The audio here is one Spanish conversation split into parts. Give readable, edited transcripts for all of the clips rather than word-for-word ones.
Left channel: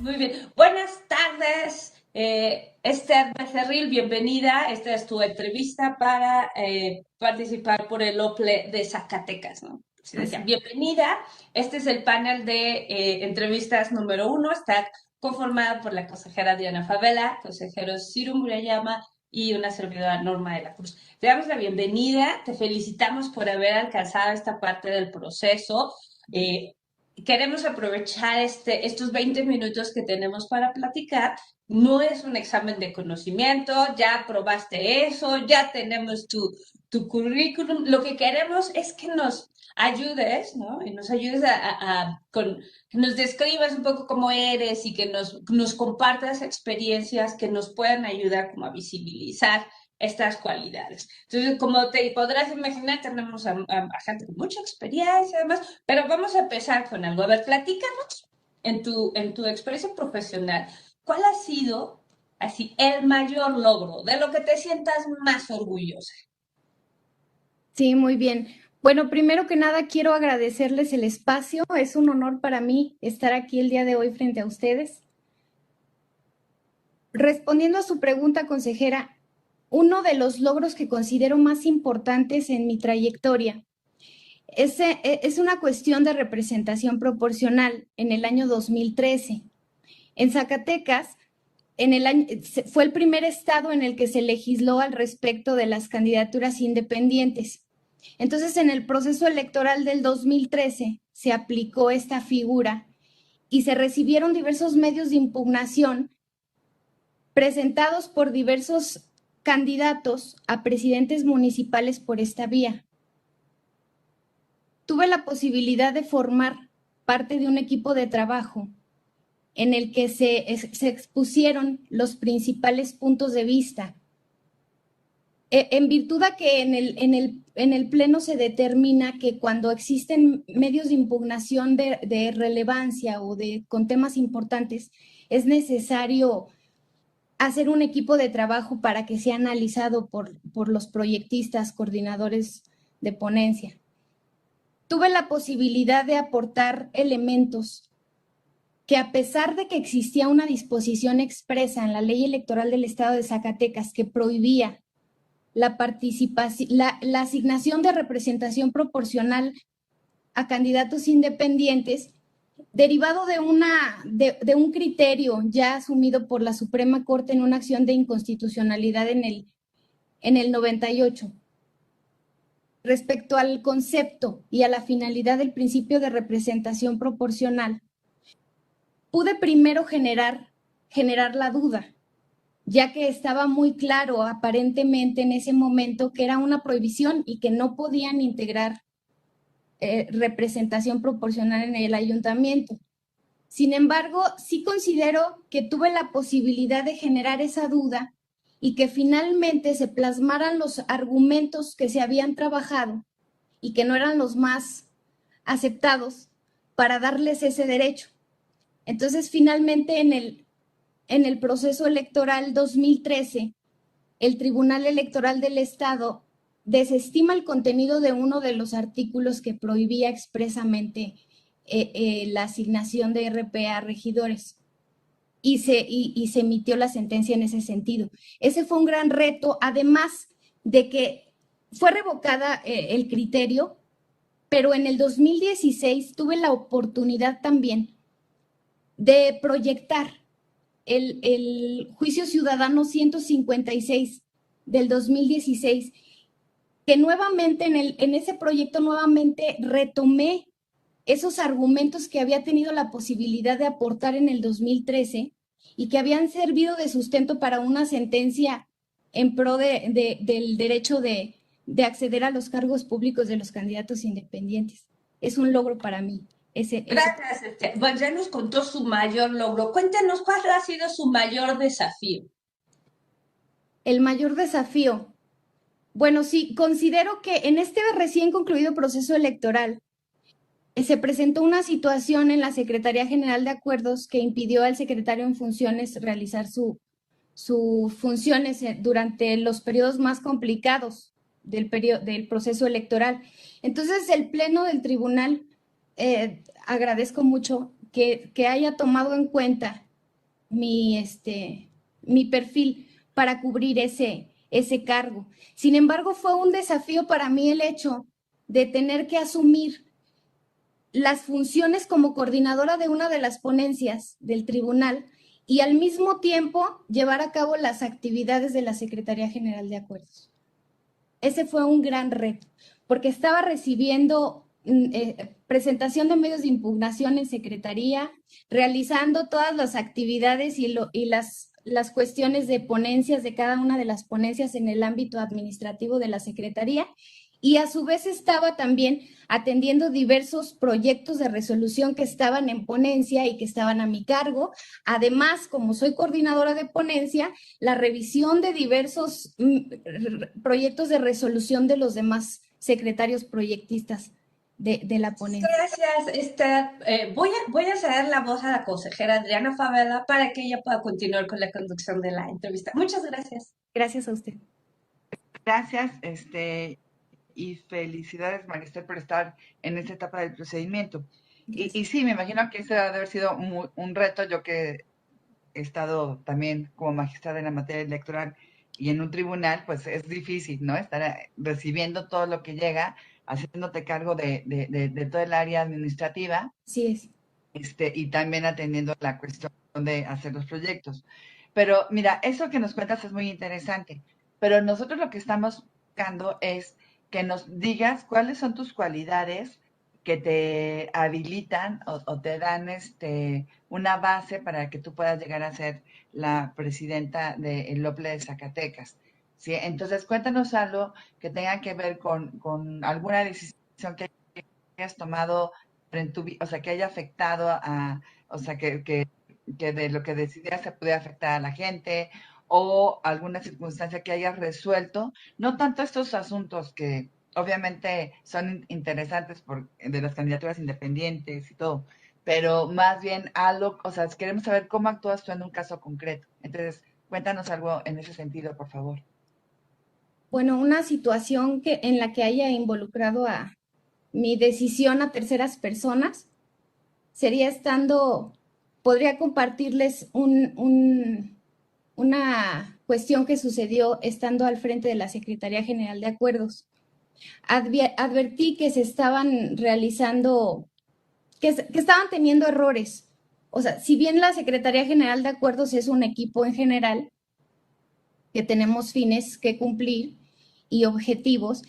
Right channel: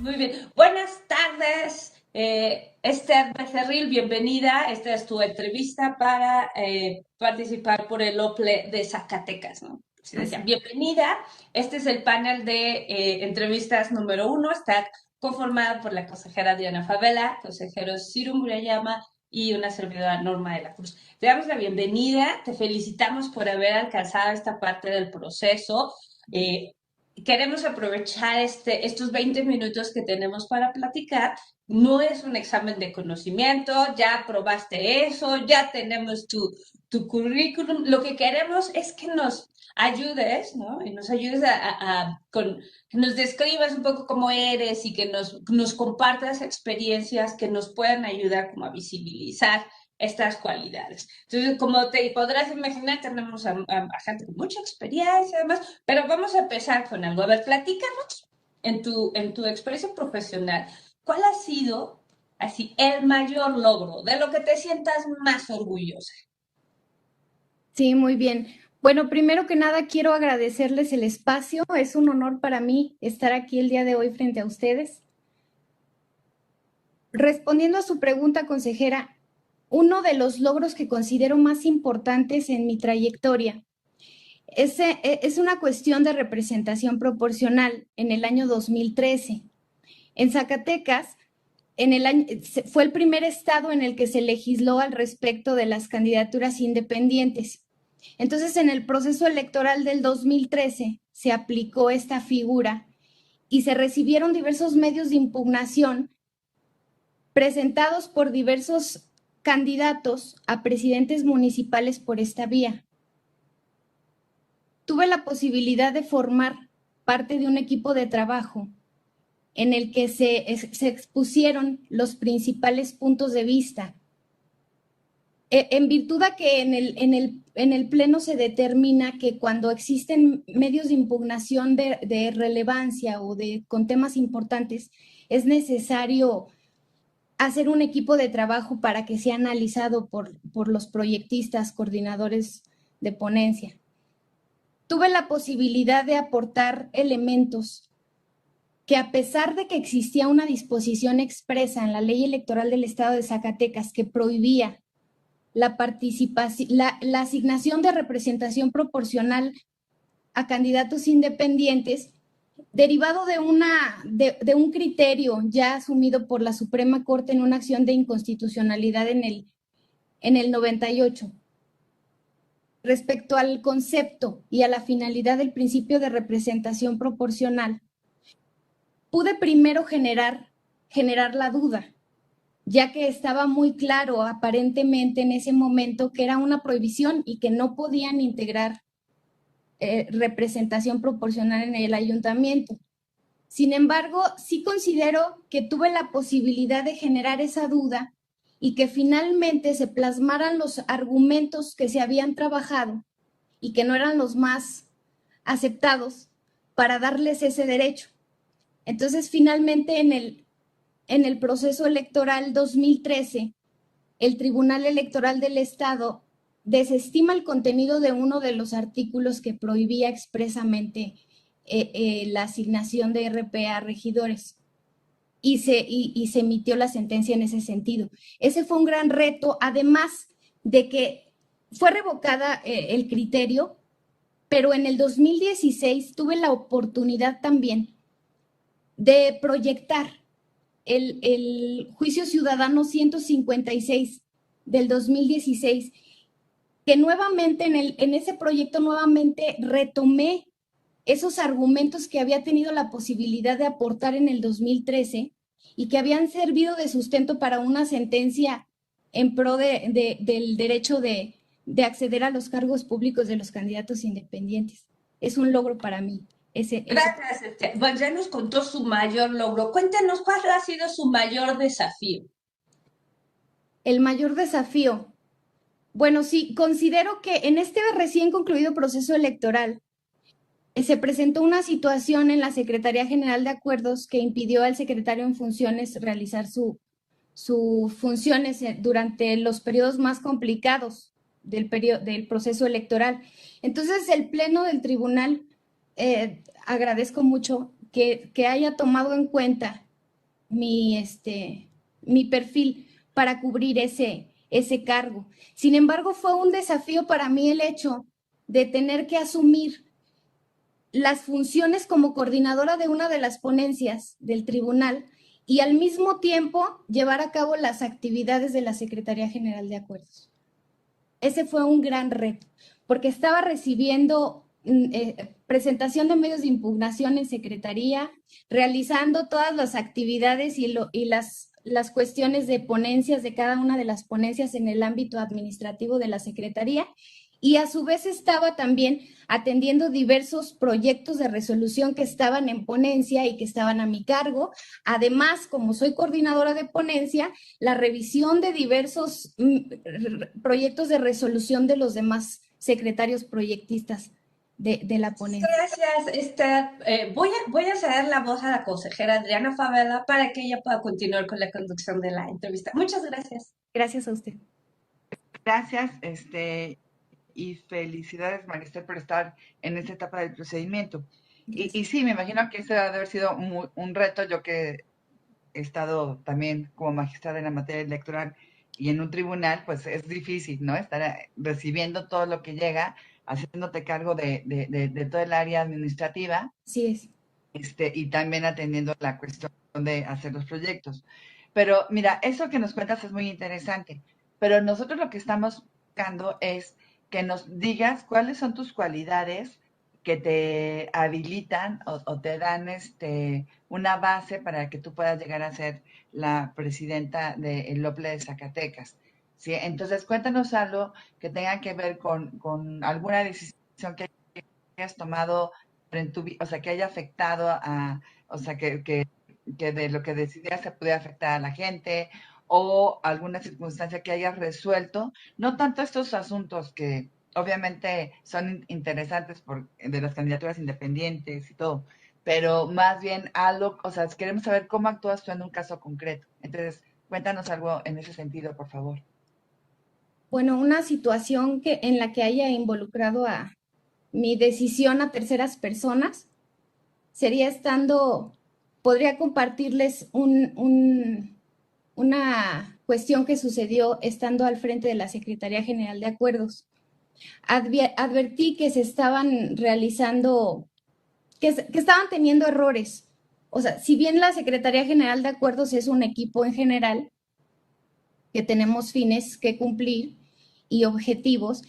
Muy bien. Buenas tardes, Esther Becerril, bienvenida. Esta es tu entrevista para participar por el OPLE de Zacatecas, ¿no? Se decía, bienvenida. Este es el panel de entrevistas número uno. Está conformado por la consejera Diana Favela, consejero Ciro Murayama y una servidora Norma de la Cruz. Te damos la bienvenida, te felicitamos por haber alcanzado esta parte del proceso. Eh, Queremos aprovechar estos 20 minutos que tenemos para platicar. No es un examen de conocimiento, ya probaste eso, ya tenemos tu currículum. Lo que queremos es que nos ayudes, ¿no? Y nos ayudes que nos describas un poco cómo eres y que nos compartas experiencias que nos puedan ayudar como a visibilizar estas cualidades. Entonces, como te podrás imaginar, tenemos a gente con mucha experiencia, además, pero vamos a empezar con algo. A ver, platícanos en tu experiencia profesional, ¿cuál ha sido así el mayor logro de lo que te sientas más orgullosa? Sí, muy bien. Bueno, primero que nada quiero agradecerles el espacio. Es un honor para mí estar aquí el día de hoy frente a ustedes. Respondiendo a su pregunta, consejera, uno de los logros que considero más importantes en mi trayectoria es una cuestión de representación proporcional en el año 2013. En Zacatecas, fue el primer estado en el que se legisló al respecto de las candidaturas independientes. Entonces, en el proceso electoral del 2013 se aplicó esta figura y se recibieron diversos medios de impugnación presentados por diversos candidatos a presidentes municipales por esta vía. Tuve la posibilidad de formar parte de un equipo de trabajo en el que se expusieron los principales puntos de vista. En virtud a que en el Pleno se determina que cuando existen medios de impugnación de relevancia o con temas importantes, es necesario hacer un equipo de trabajo para que sea analizado por los proyectistas, coordinadores de ponencia. Tuve la posibilidad de aportar elementos que, a pesar de que existía una disposición expresa en la Ley Electoral del Estado de Zacatecas que prohibía la participación, la asignación de representación proporcional a candidatos independientes, derivado de un criterio ya asumido por la Suprema Corte en una acción de inconstitucionalidad en el 98. Respecto al concepto y a la finalidad del principio de representación proporcional, pude primero generar la duda, ya que estaba muy claro aparentemente en ese momento que era una prohibición y que no podían integrar representación proporcional en el ayuntamiento. Sin embargo, sí considero que tuve la posibilidad de generar esa duda y que finalmente se plasmaran los argumentos que se habían trabajado y que no eran los más aceptados para darles ese derecho. Entonces, finalmente, en el proceso electoral 2013, el Tribunal Electoral del Estado desestima el contenido de uno de los artículos que prohibía expresamente la asignación de RP a regidores y se emitió la sentencia en ese sentido. Ese fue un gran reto, además de que fue revocada el criterio, pero en el 2016 tuve la oportunidad también de proyectar el juicio ciudadano 156 del 2016, que nuevamente en ese proyecto nuevamente retomé esos argumentos que había tenido la posibilidad de aportar en el 2013 y que habían servido de sustento para una sentencia en pro del derecho de acceder a los cargos públicos de los candidatos independientes. Es un logro para mí. Gracias, Esther. Bueno, ya nos contó su mayor logro. Cuéntanos cuál ha sido su mayor desafío. El mayor desafío. Bueno, sí, considero que en este recién concluido proceso electoral se presentó una situación en la Secretaría General de Acuerdos que impidió al secretario en funciones realizar sus funciones durante los periodos más complicados del proceso electoral. Entonces, el Pleno del Tribunal, agradezco mucho que haya tomado en cuenta mi perfil para cubrir ese cargo. Sin embargo, fue un desafío para mí el hecho de tener que asumir las funciones como coordinadora de una de las ponencias del tribunal y al mismo tiempo llevar a cabo las actividades de la Secretaría General de Acuerdos. Ese fue un gran reto, porque estaba recibiendo presentación de medios de impugnación en Secretaría, realizando todas las actividades y las cuestiones de ponencias de cada una de las ponencias en el ámbito administrativo de la Secretaría, y a su vez estaba también atendiendo diversos proyectos de resolución que estaban en ponencia y que estaban a mi cargo. Además, como soy coordinadora de ponencia, la revisión de diversos proyectos de resolución de los demás secretarios proyectistas de la ponencia. Gracias, Esther. Voy a ceder la voz a la consejera Adriana Favela para que ella pueda continuar con la conducción de la entrevista. Muchas gracias. Gracias a usted. Gracias, y felicidades, Marister, por estar en esta etapa del procedimiento. Y sí, me imagino que ese debe haber sido un reto, yo que he estado también como magistrada en la materia electoral y en un tribunal, pues es difícil, ¿no? Estar recibiendo todo lo que llega, haciéndote cargo de todo el área administrativa. Sí es. Y también atendiendo la cuestión de hacer los proyectos. Pero mira, eso que nos cuentas es muy interesante, pero nosotros lo que estamos buscando es que nos digas cuáles son tus cualidades que te habilitan o te dan una base para que tú puedas llegar a ser la presidenta del OPLE de Zacatecas. ¿Sí? Entonces, cuéntanos algo que tenga que ver con alguna decisión que hayas tomado en tu vida, o sea, que haya afectado o sea, que de lo que decidías se pudiera afectar a la gente, o alguna circunstancia que hayas resuelto, no tanto estos asuntos que obviamente son interesantes de las candidaturas independientes y todo, pero más bien algo, o sea, queremos saber cómo actúas tú en un caso concreto. Entonces, cuéntanos algo en ese sentido, por favor. Bueno, una situación en la que haya involucrado a mi decisión a terceras personas sería podría compartirles una cuestión que sucedió estando al frente de la Secretaría General de Acuerdos. Advertí que se estaban realizando, que estaban teniendo errores. O sea, si bien la Secretaría General de Acuerdos es un equipo en general, que tenemos fines que cumplir y objetivos,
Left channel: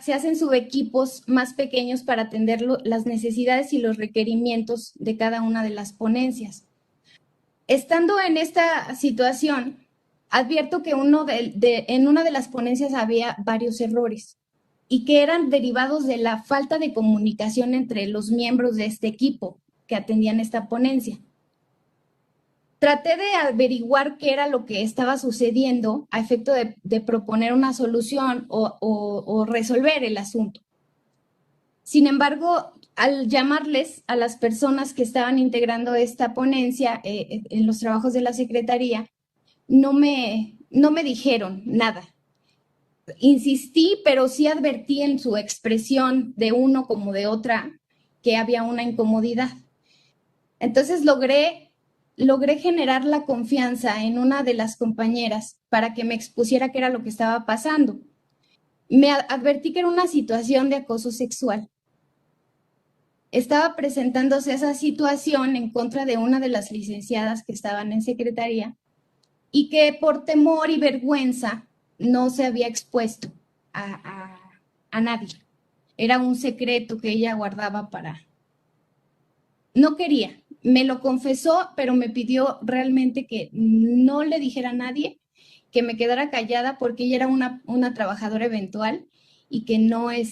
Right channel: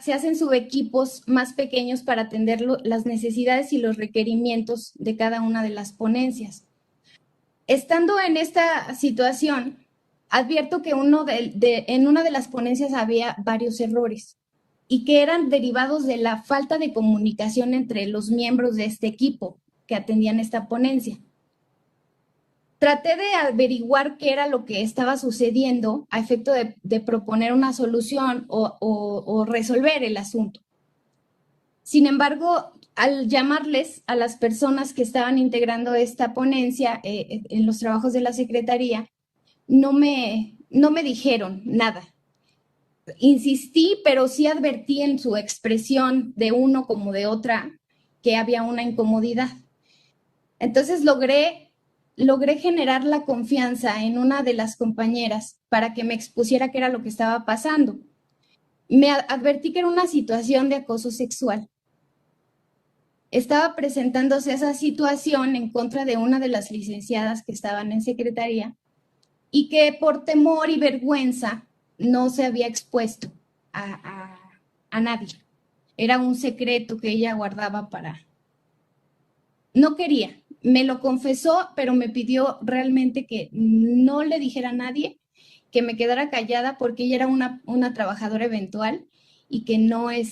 se hacen subequipos más pequeños para atender las necesidades y los requerimientos de cada una de las ponencias. Estando en esta situación, advierto que en una de las ponencias había varios errores y que eran derivados de la falta de comunicación entre los miembros de este equipo que atendían esta ponencia. Traté de averiguar qué era lo que estaba sucediendo a efecto de proponer una solución o resolver el asunto. Sin embargo, al llamarles a las personas que estaban integrando esta ponencia en los trabajos de la Secretaría, no me dijeron nada. Insistí, pero sí advertí en su expresión de uno como de otra que había una incomodidad. Entonces logré generar la confianza en una de las compañeras para que me expusiera qué era lo que estaba pasando. Me advertí que era una situación de acoso sexual. Estaba presentándose esa situación en contra de una de las licenciadas que estaban en secretaría y que por temor y vergüenza no se había expuesto a nadie. Era un secreto que ella guardaba No quería. Me lo confesó, pero me pidió realmente que no le dijera a nadie, que me quedara callada porque ella era una trabajadora eventual y que no era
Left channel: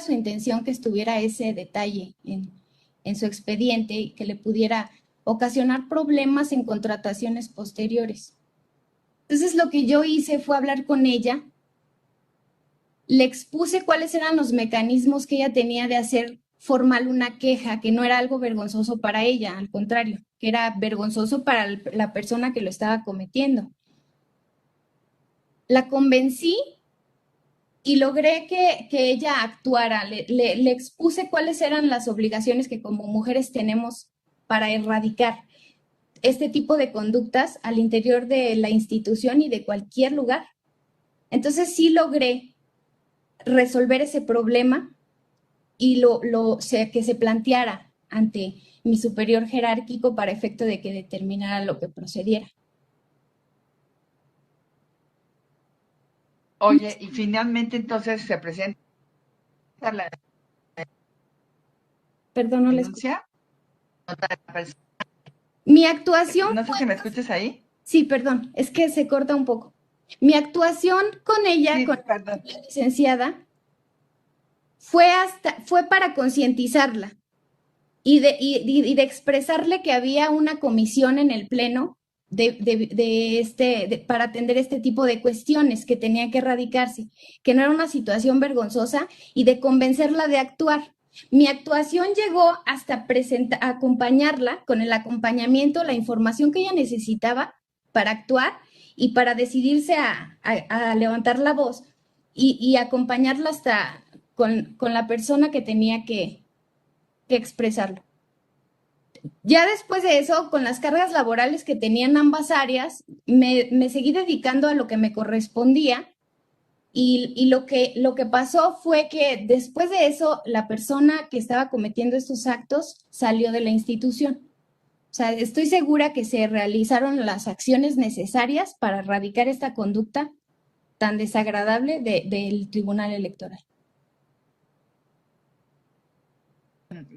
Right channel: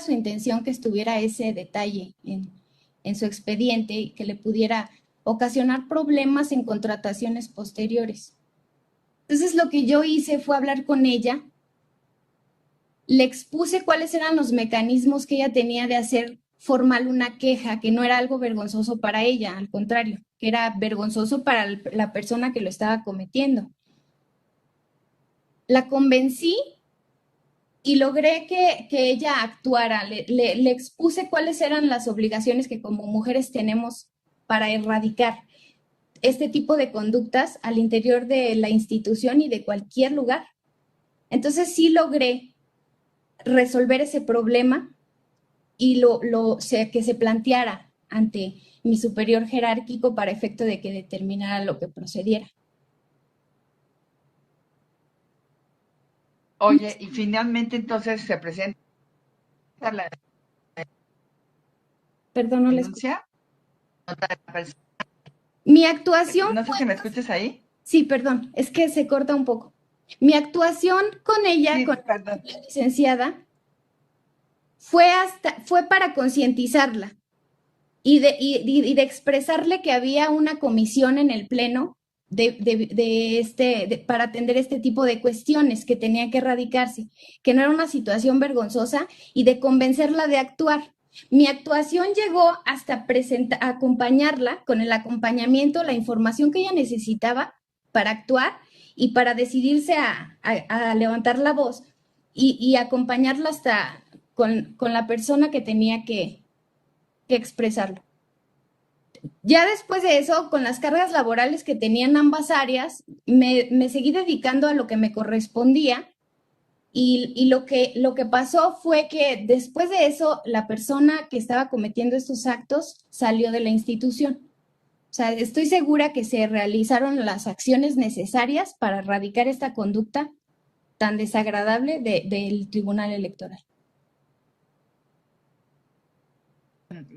su intención que estuviera ese detalle en su expediente y que le pudiera ocasionar problemas en contrataciones posteriores. Entonces lo que yo hice fue hablar con ella, le expuse cuáles eran los mecanismos que ella tenía de hacer formal una queja, que no era algo vergonzoso para ella, al contrario, que era vergonzoso para la persona que lo estaba cometiendo. La convencí y logré que ella actuara. Le expuse cuáles eran las obligaciones que como mujeres tenemos para erradicar este tipo de conductas al interior de la institución y de cualquier lugar. Entonces sí logré resolver ese problema y que se planteara ante mi superior jerárquico para efecto de que determinara lo que procediera. Oye, y finalmente entonces se presenta la Perdón, no les... denuncia contra la persona. Mi actuación No sé fue... si me escuchas ahí. Sí, perdón, es que se corta un poco. Mi actuación con ella, Sí, con perdón. la licenciada, fue para concientizarla y de expresarle que había una comisión en el Pleno para atender este tipo de cuestiones que tenían que erradicarse, que no era una situación vergonzosa y de convencerla de actuar. Mi actuación llegó hasta acompañarla con el acompañamiento, la información que ella necesitaba para actuar y para decidirse a levantar la voz y acompañarla hasta con la persona que tenía que expresarlo. Ya después de eso, con las cargas laborales que tenía en ambas áreas, me seguí dedicando a lo que me correspondía y lo que pasó fue que después de eso, la persona que estaba cometiendo estos actos salió de la institución. O sea, estoy segura que se realizaron las acciones necesarias para erradicar esta conducta tan desagradable del Tribunal Electoral.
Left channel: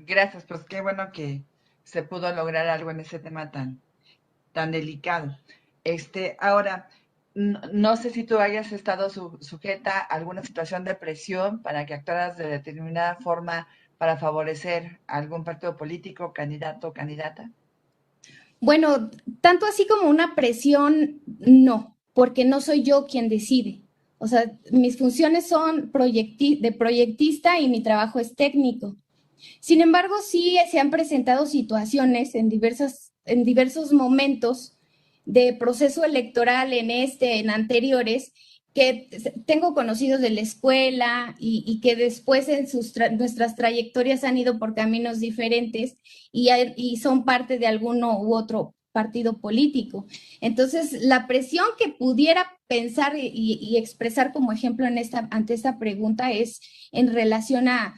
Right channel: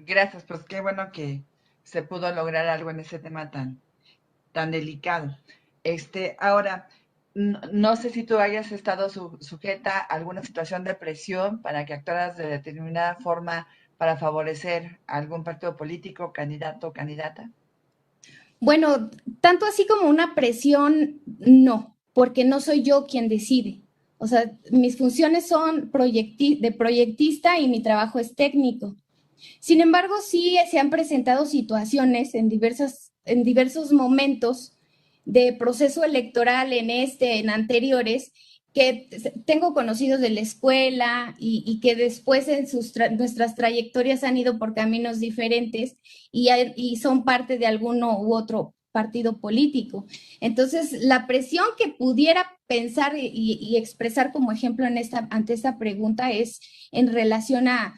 Gracias, pues qué bueno que se pudo lograr algo en ese tema tan delicado. Ahora, no sé si tú hayas estado sujeta a alguna situación de presión para que actuaras de determinada forma para favorecer a algún partido político, candidato o candidata. Bueno, tanto así como una presión, no, porque no soy yo quien decide. O sea, mis funciones son de proyectista y mi trabajo es técnico. Sin embargo, sí se han presentado situaciones en diversos momentos de proceso electoral en anteriores, que tengo conocidos de la escuela y que después en nuestras trayectorias han ido por caminos diferentes y son parte de alguno u otro partido político. Entonces, la presión que pudiera pensar y expresar como ejemplo ante esta pregunta es en relación a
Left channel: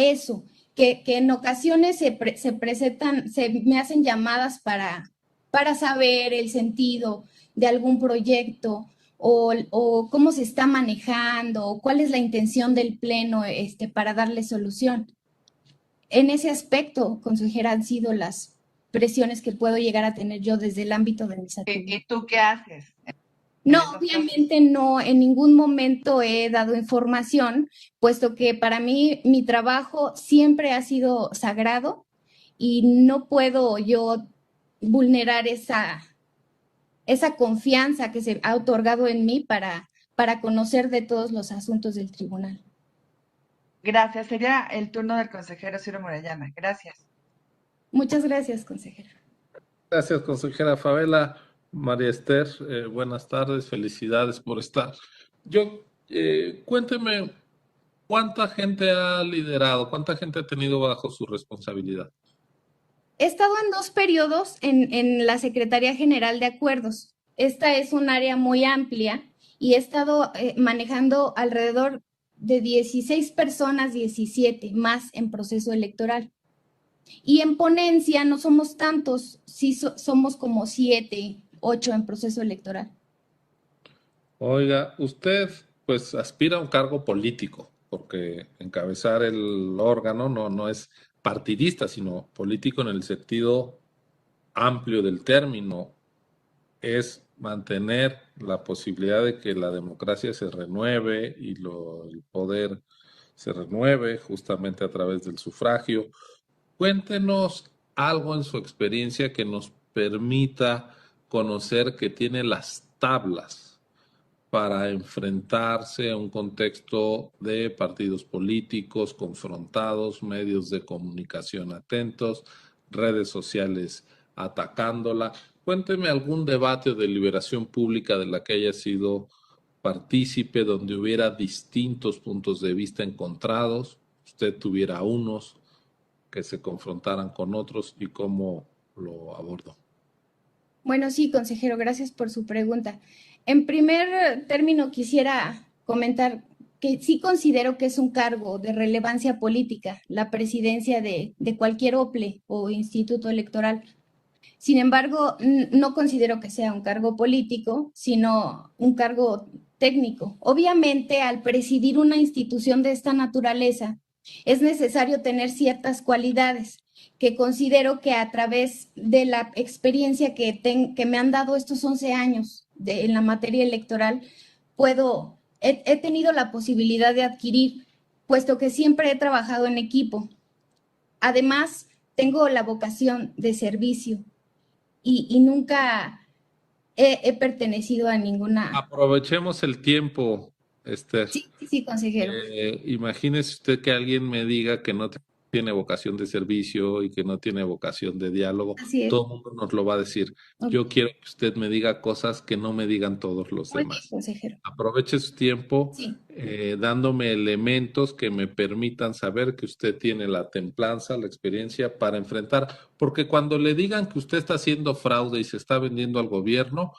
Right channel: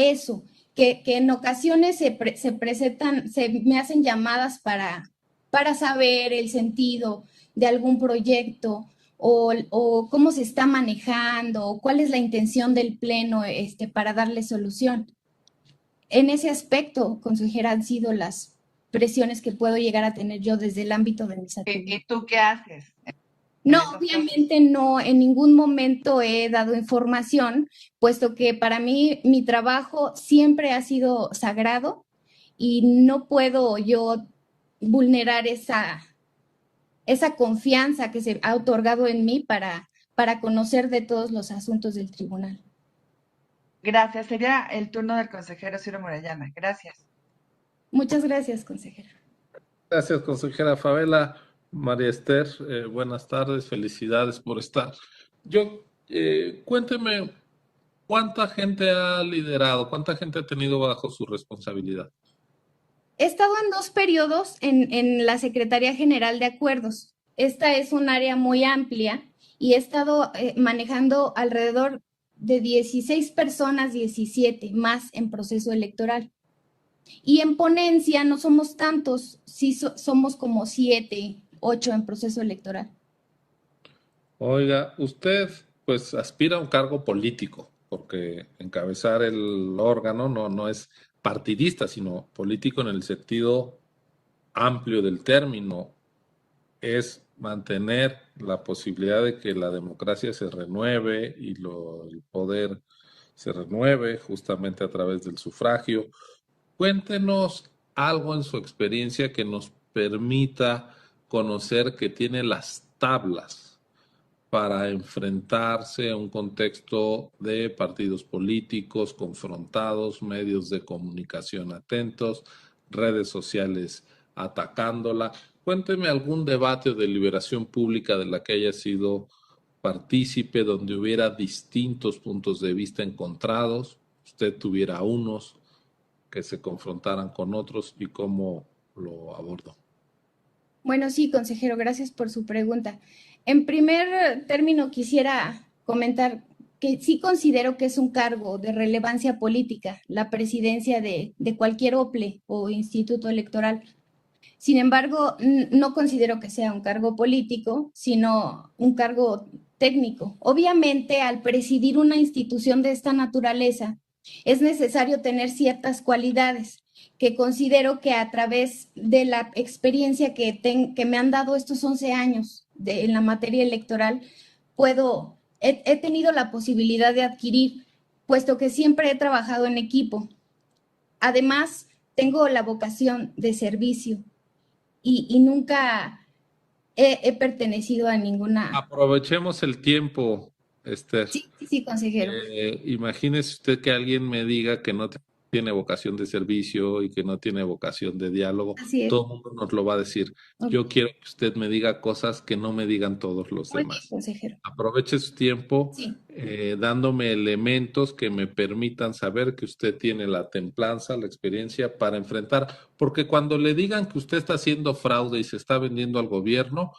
eso, que en ocasiones se presentan, me hacen llamadas para saber el sentido de algún proyecto o cómo se está manejando, o cuál es la intención del Pleno para darle solución. En ese aspecto, consejera, han sido las presiones que puedo llegar a tener yo desde el ámbito de mis actividades. ¿Y tú qué haces? No, obviamente no, en ningún momento he dado información, puesto que para mí mi trabajo siempre ha sido sagrado y no puedo yo vulnerar esa confianza que se ha otorgado en mí para conocer de todos los asuntos del tribunal. Gracias. Sería el turno del consejero Ciro Murayama. Gracias. Muchas gracias, consejera. Gracias, consejera Favela. María Esther, buenas tardes, felicidades por estar. Cuénteme, ¿cuánta gente ha liderado? ¿Cuánta gente ha tenido bajo su responsabilidad? He estado en 2 periodos en la Secretaría General de Acuerdos. Esta es un área muy amplia y he estado manejando alrededor de 16 personas, 17 más en proceso electoral. Y en ponencia no somos tantos, sí somos como 7, 8 en proceso electoral. Oiga, usted pues aspira a un cargo político, porque encabezar el órgano no es partidista, sino político en el sentido amplio del término. Es mantener la posibilidad de que la democracia se renueve y el poder se renueve justamente a través del sufragio. Cuéntenos algo en su experiencia que nos permita conocer que tiene las tablas para enfrentarse a un contexto de partidos políticos confrontados, medios de comunicación atentos, redes sociales atacándola. Cuénteme algún debate o deliberación pública de la que haya sido partícipe, donde hubiera distintos puntos de vista encontrados, usted tuviera unos que se confrontaran con otros y cómo lo abordó. Bueno, sí, consejero, gracias por su pregunta. En primer término, quisiera comentar que sí considero que es un cargo de relevancia política, la presidencia de cualquier OPLE o instituto electoral. Sin embargo, no considero que sea un cargo político, sino un cargo técnico. Obviamente, al presidir una institución de esta naturaleza, es necesario tener ciertas cualidades que considero que a través de la experiencia que me han dado estos 11 años en la materia electoral, he tenido la posibilidad de adquirir, puesto que siempre he trabajado en equipo. Además, tengo la vocación de servicio y nunca he pertenecido a ninguna. Aprovechemos el tiempo, Esther. Sí, sí, sí, consejero. Imagínese usted que alguien me diga que no tiene vocación de servicio y que no tiene vocación de diálogo. Así es. Todo el mundo nos lo va a decir. Yo quiero que usted me diga cosas que no me digan todos los Muy bien, demás. consejero. Aproveche su tiempo Sí, dándome elementos que me permitan saber que usted tiene la templanza, la experiencia para enfrentar, porque cuando le digan que usted está haciendo fraude y se está vendiendo al gobierno,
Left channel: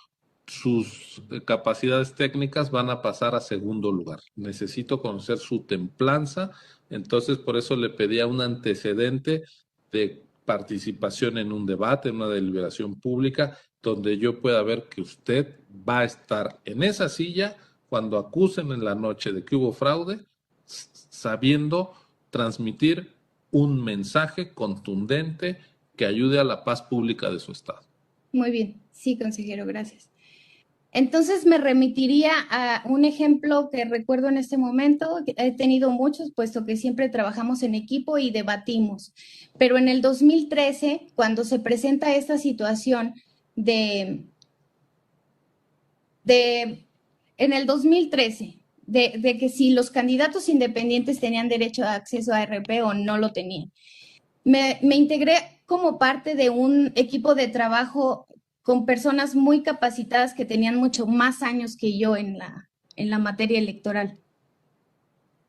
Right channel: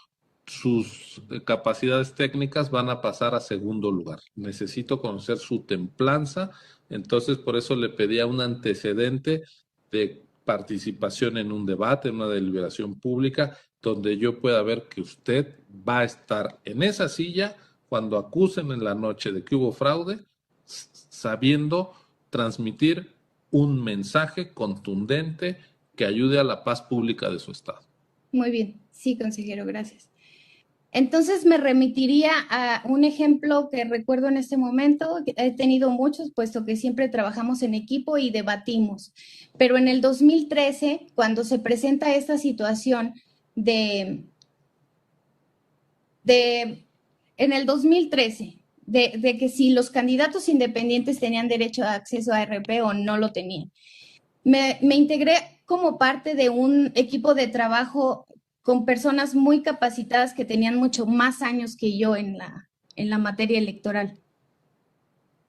sus capacidades técnicas van a pasar a segundo lugar. Necesito conocer su templanza, entonces por eso le pedía un antecedente de participación en un debate, en una deliberación pública, donde yo pueda ver que usted va a estar en esa silla cuando acusen en la noche de que hubo fraude, sabiendo transmitir un mensaje contundente que ayude a la paz pública de su estado. muy bien. Sí, consejero, gracias. Entonces me remitiría a un ejemplo que recuerdo en este momento. He tenido muchos, puesto que siempre trabajamos en equipo y debatimos. Pero en el 2013, cuando se presenta esta situación en el 2013, de que si los candidatos independientes tenían derecho a acceso a RP o no lo tenían, me integré como parte de un equipo de trabajo con personas muy capacitadas que tenían mucho más años que yo en la materia electoral.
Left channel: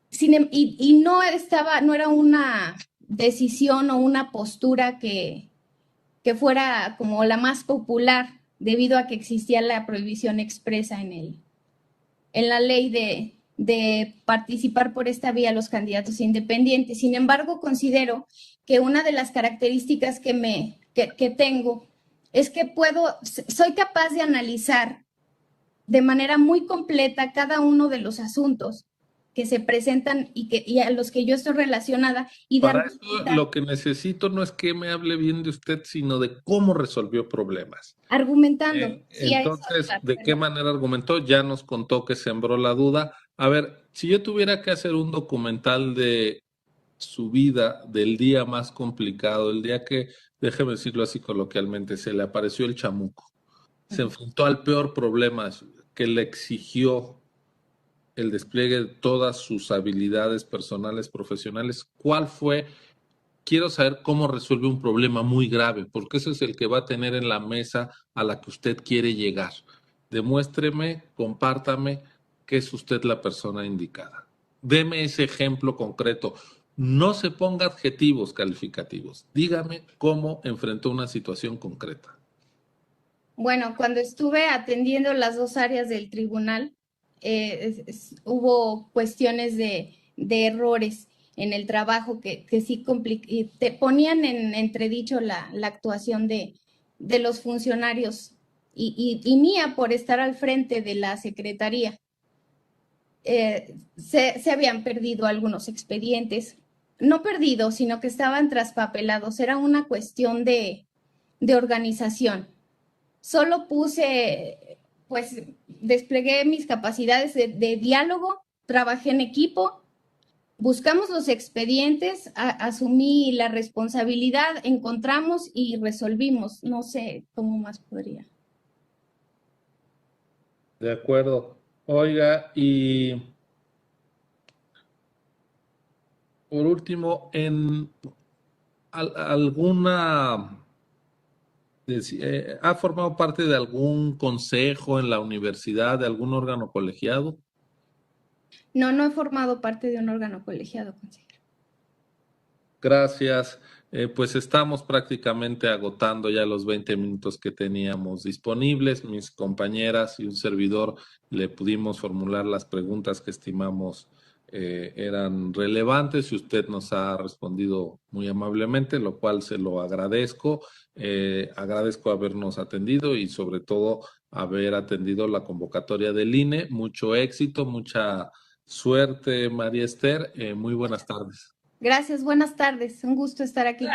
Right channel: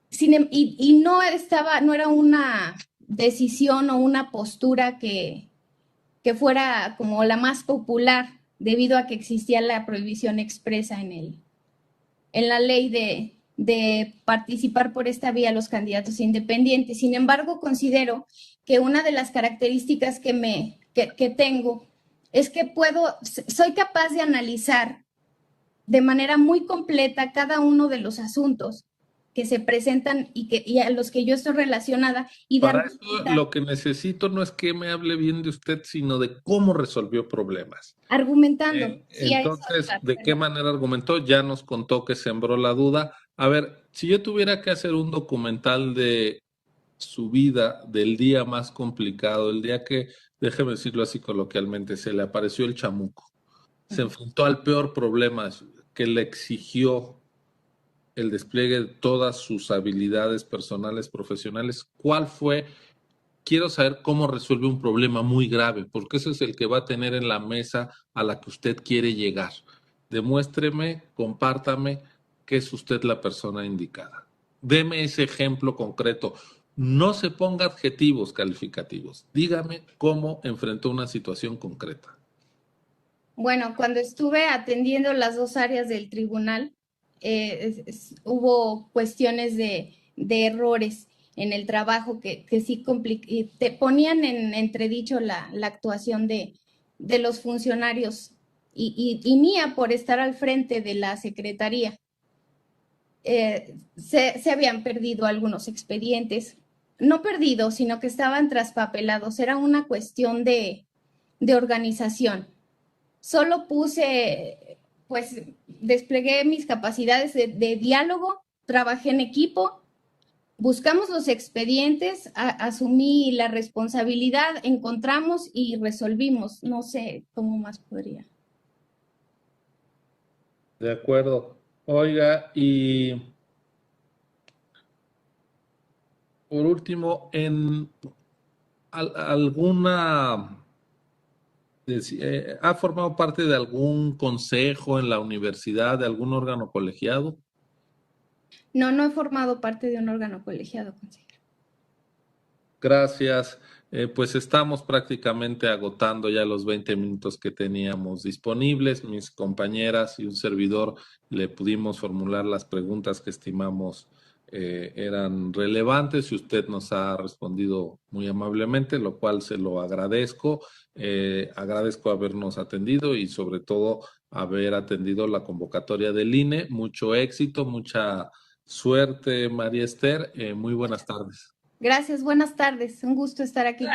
Y no era una decisión o una postura que fuera como la más popular, debido a que existía la prohibición expresa en la ley de participar por esta vía los candidatos independientes. Sin embargo, considero que una de las características que tengo es que soy capaz de analizar de manera muy completa cada uno de los asuntos que se presentan y a los que yo estoy relacionada. Y Para eso lo que necesito no es que me hable bien de usted, sino de cómo resolvió problemas. Argumentando. Sí, Entonces, ¿de qué manera argumentó? Ya nos contó que sembró la duda. A ver, si yo tuviera que hacer un documental de su vida, del día más complicado, el día que, déjeme decirlo así coloquialmente, se le apareció el chamuco, se enfrentó al peor problema que le exigió el despliegue de todas sus habilidades personales, profesionales, ¿cuál fue? Quiero saber cómo resuelve un problema muy grave, porque ese es el que va a tener en la mesa a la que usted quiere llegar. Demuéstreme, compártame que es usted la persona indicada. Deme ese ejemplo concreto. No se ponga adjetivos calificativos. Dígame cómo enfrentó una situación concreta. Bueno, cuando estuve atendiendo las dos áreas del tribunal, hubo cuestiones de errores en el trabajo que sí te ponían en entredicho la actuación de los funcionarios y mía por estar al frente de la secretaría. Se habían perdido algunos expedientes, no perdidos, sino que estaban traspapelados. Era una cuestión de organización. Solo desplegué mis capacidades de diálogo, trabajé en equipo, buscamos los expedientes, asumí la responsabilidad, encontramos y resolvimos. No sé cómo más podría. De acuerdo. Oiga, y por último, alguna ¿ha formado parte de algún consejo en la universidad, de algún órgano colegiado? No he formado parte de un órgano colegiado, consejero. Gracias. Pues estamos prácticamente agotando ya los 20 minutos que teníamos disponibles. Mis compañeras y un servidor le pudimos formular las preguntas que estimamos eran relevantes y usted nos ha respondido muy amablemente, lo cual se lo agradezco. Agradezco habernos atendido y sobre todo haber atendido la convocatoria del INE. Mucho éxito, mucha suerte, María Esther. Muy buenas tardes. Gracias, buenas tardes. Un gusto estar aquí con